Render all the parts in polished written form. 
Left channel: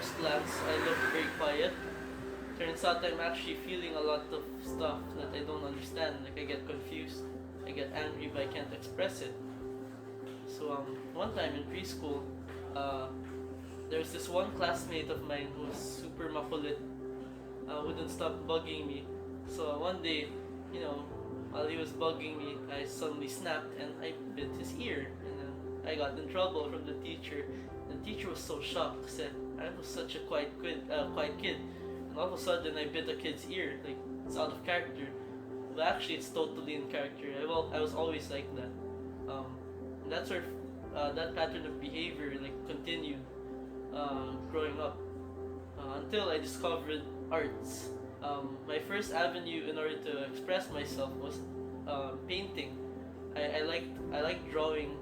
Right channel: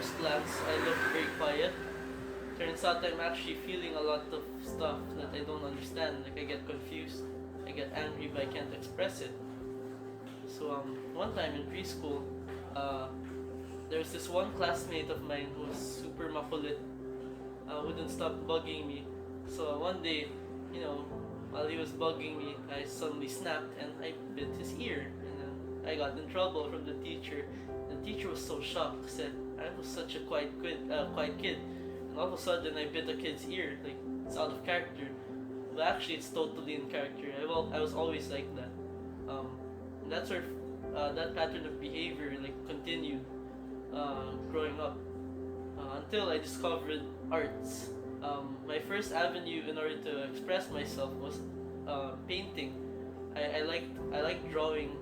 first glance, I look very quiet. Turns out I'm actually feeling a lot of stuff that I don't understand. Like I get confused, I get angry, but I can't express it. So one time in preschool, uh, there was this one classmate of mine who was super makulit, wouldn't stop bugging me. So one day, you know, while he was bugging me, I suddenly snapped and I bit his ear. And I got in trouble from the teacher. The teacher was so shocked, said I was such a quiet kid, and all of a sudden I bit a kid's ear. Like it's out of character, but actually it's totally in character. I was always like that. Um, and that's where that pattern of behavior like continued growing up until I discovered arts. My first avenue in order to express myself was painting. I liked drawing.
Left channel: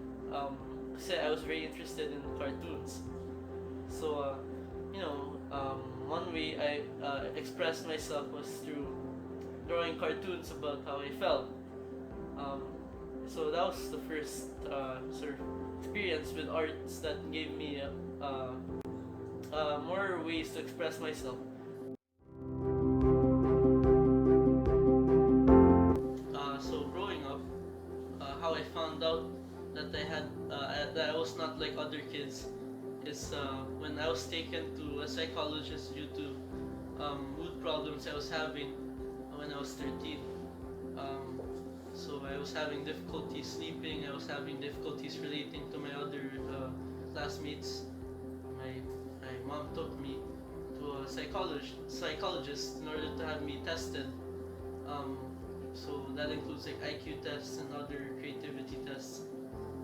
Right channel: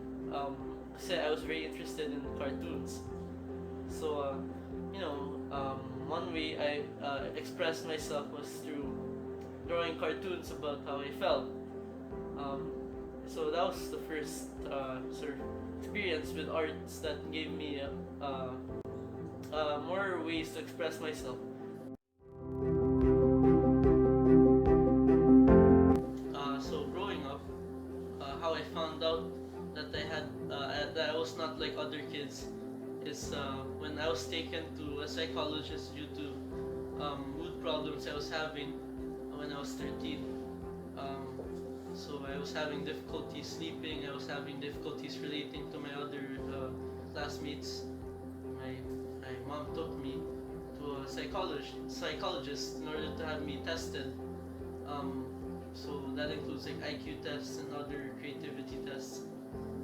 Said I was very interested in cartoons. So one way I expressed myself was through drawing cartoons about how I felt. Um, so that was the first sort of experience with arts that gave me more ways to express myself. So growing up, how I found out that I was not like other kids is when I was taken to a psychologist due to mood problems I was having when I was 13. Um, so I was having difficulty sleeping. I was having difficulties relating to my other classmates. My my mom took me to a psychologist in order to have me tested. Um, so that includes like IQ tests and other creativity tests.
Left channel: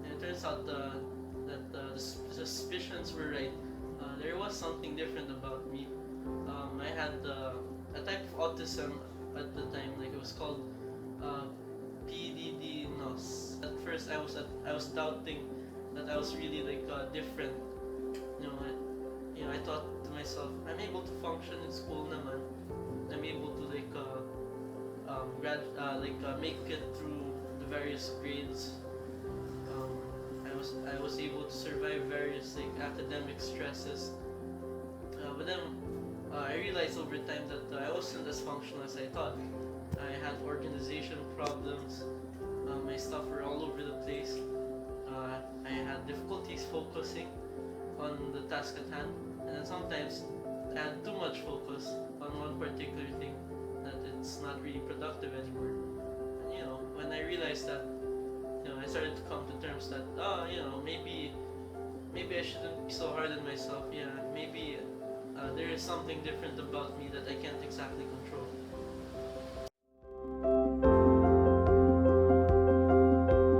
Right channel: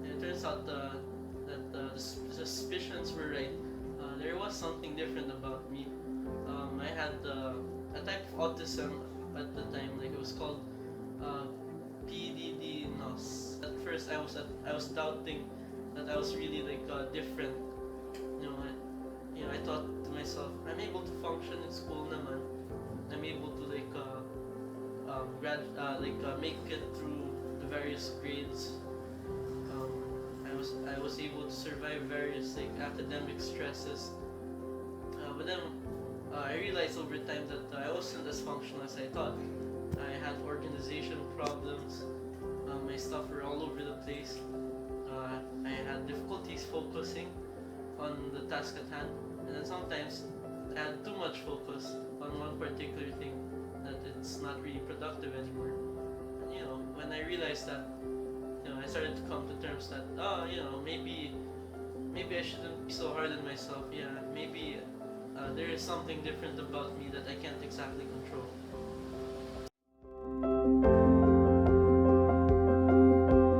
And it turns out that the suspicions were right. There was something different about me. I had a type of autism at the time, like it was called uh, PDD-NOS. At first, I was doubting that I was really like different. I thought to myself, I'm able to function in school naman. I'm able to make it through the various grades. Um, I was able to survive various like academic stresses. But then I realized over time that I wasn't as functional as I thought. I had organization problems. My stuff were all over the place. I had difficulties focusing on the task at hand, and then sometimes I had too much focus on one particular thing that it's not really productive anymore. And when I realized that, I started to come to terms that maybe I shouldn't be so hard on myself. Yeah, maybe there is something different about me that I can't exactly control.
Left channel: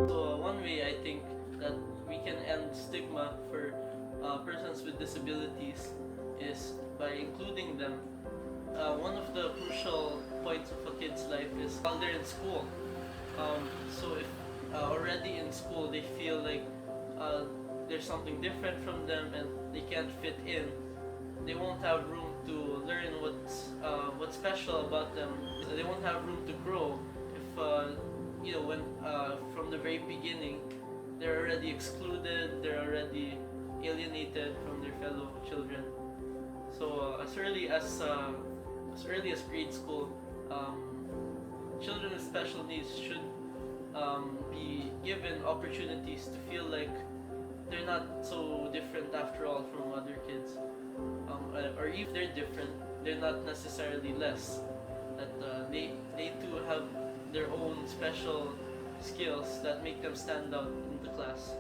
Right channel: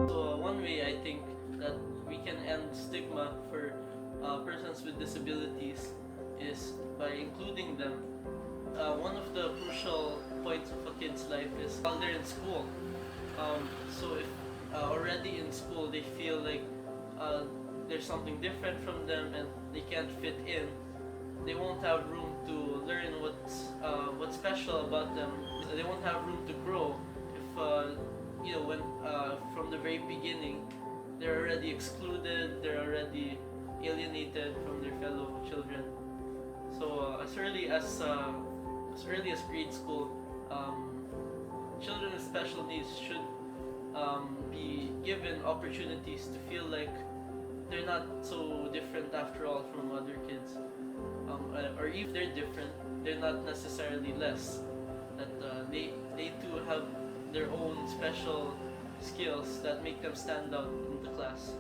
So one way I think that we can end stigma for persons with disabilities is by including them. One of the crucial points of a kid's life is while they're in school. So if already in school they feel like there's something different from them and they can't fit in, they won't have room to learn what's special about them. They won't have room to grow if when from the very beginning they're already excluded, they're already alienated from their fellow children. So as early as grade school, children with special needs should be given opportunities to feel like they're not so different after all from other kids. Or if they're different, they're not necessarily less. That they too have their own special skills that make them stand out in the class.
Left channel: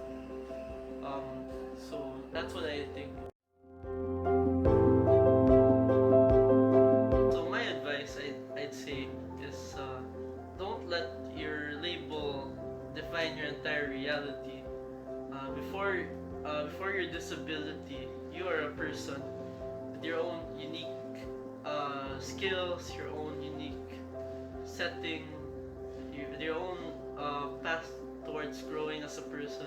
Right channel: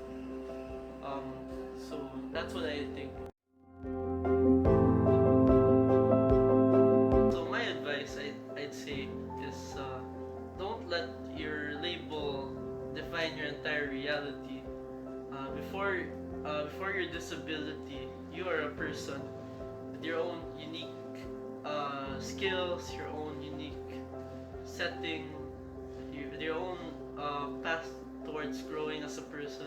So that's what I think. So my advice, I'd say, is don't let your label define your entire reality. Before your disability, you are a person with your own unique skills, your own unique setting, your own path towards growing as a person.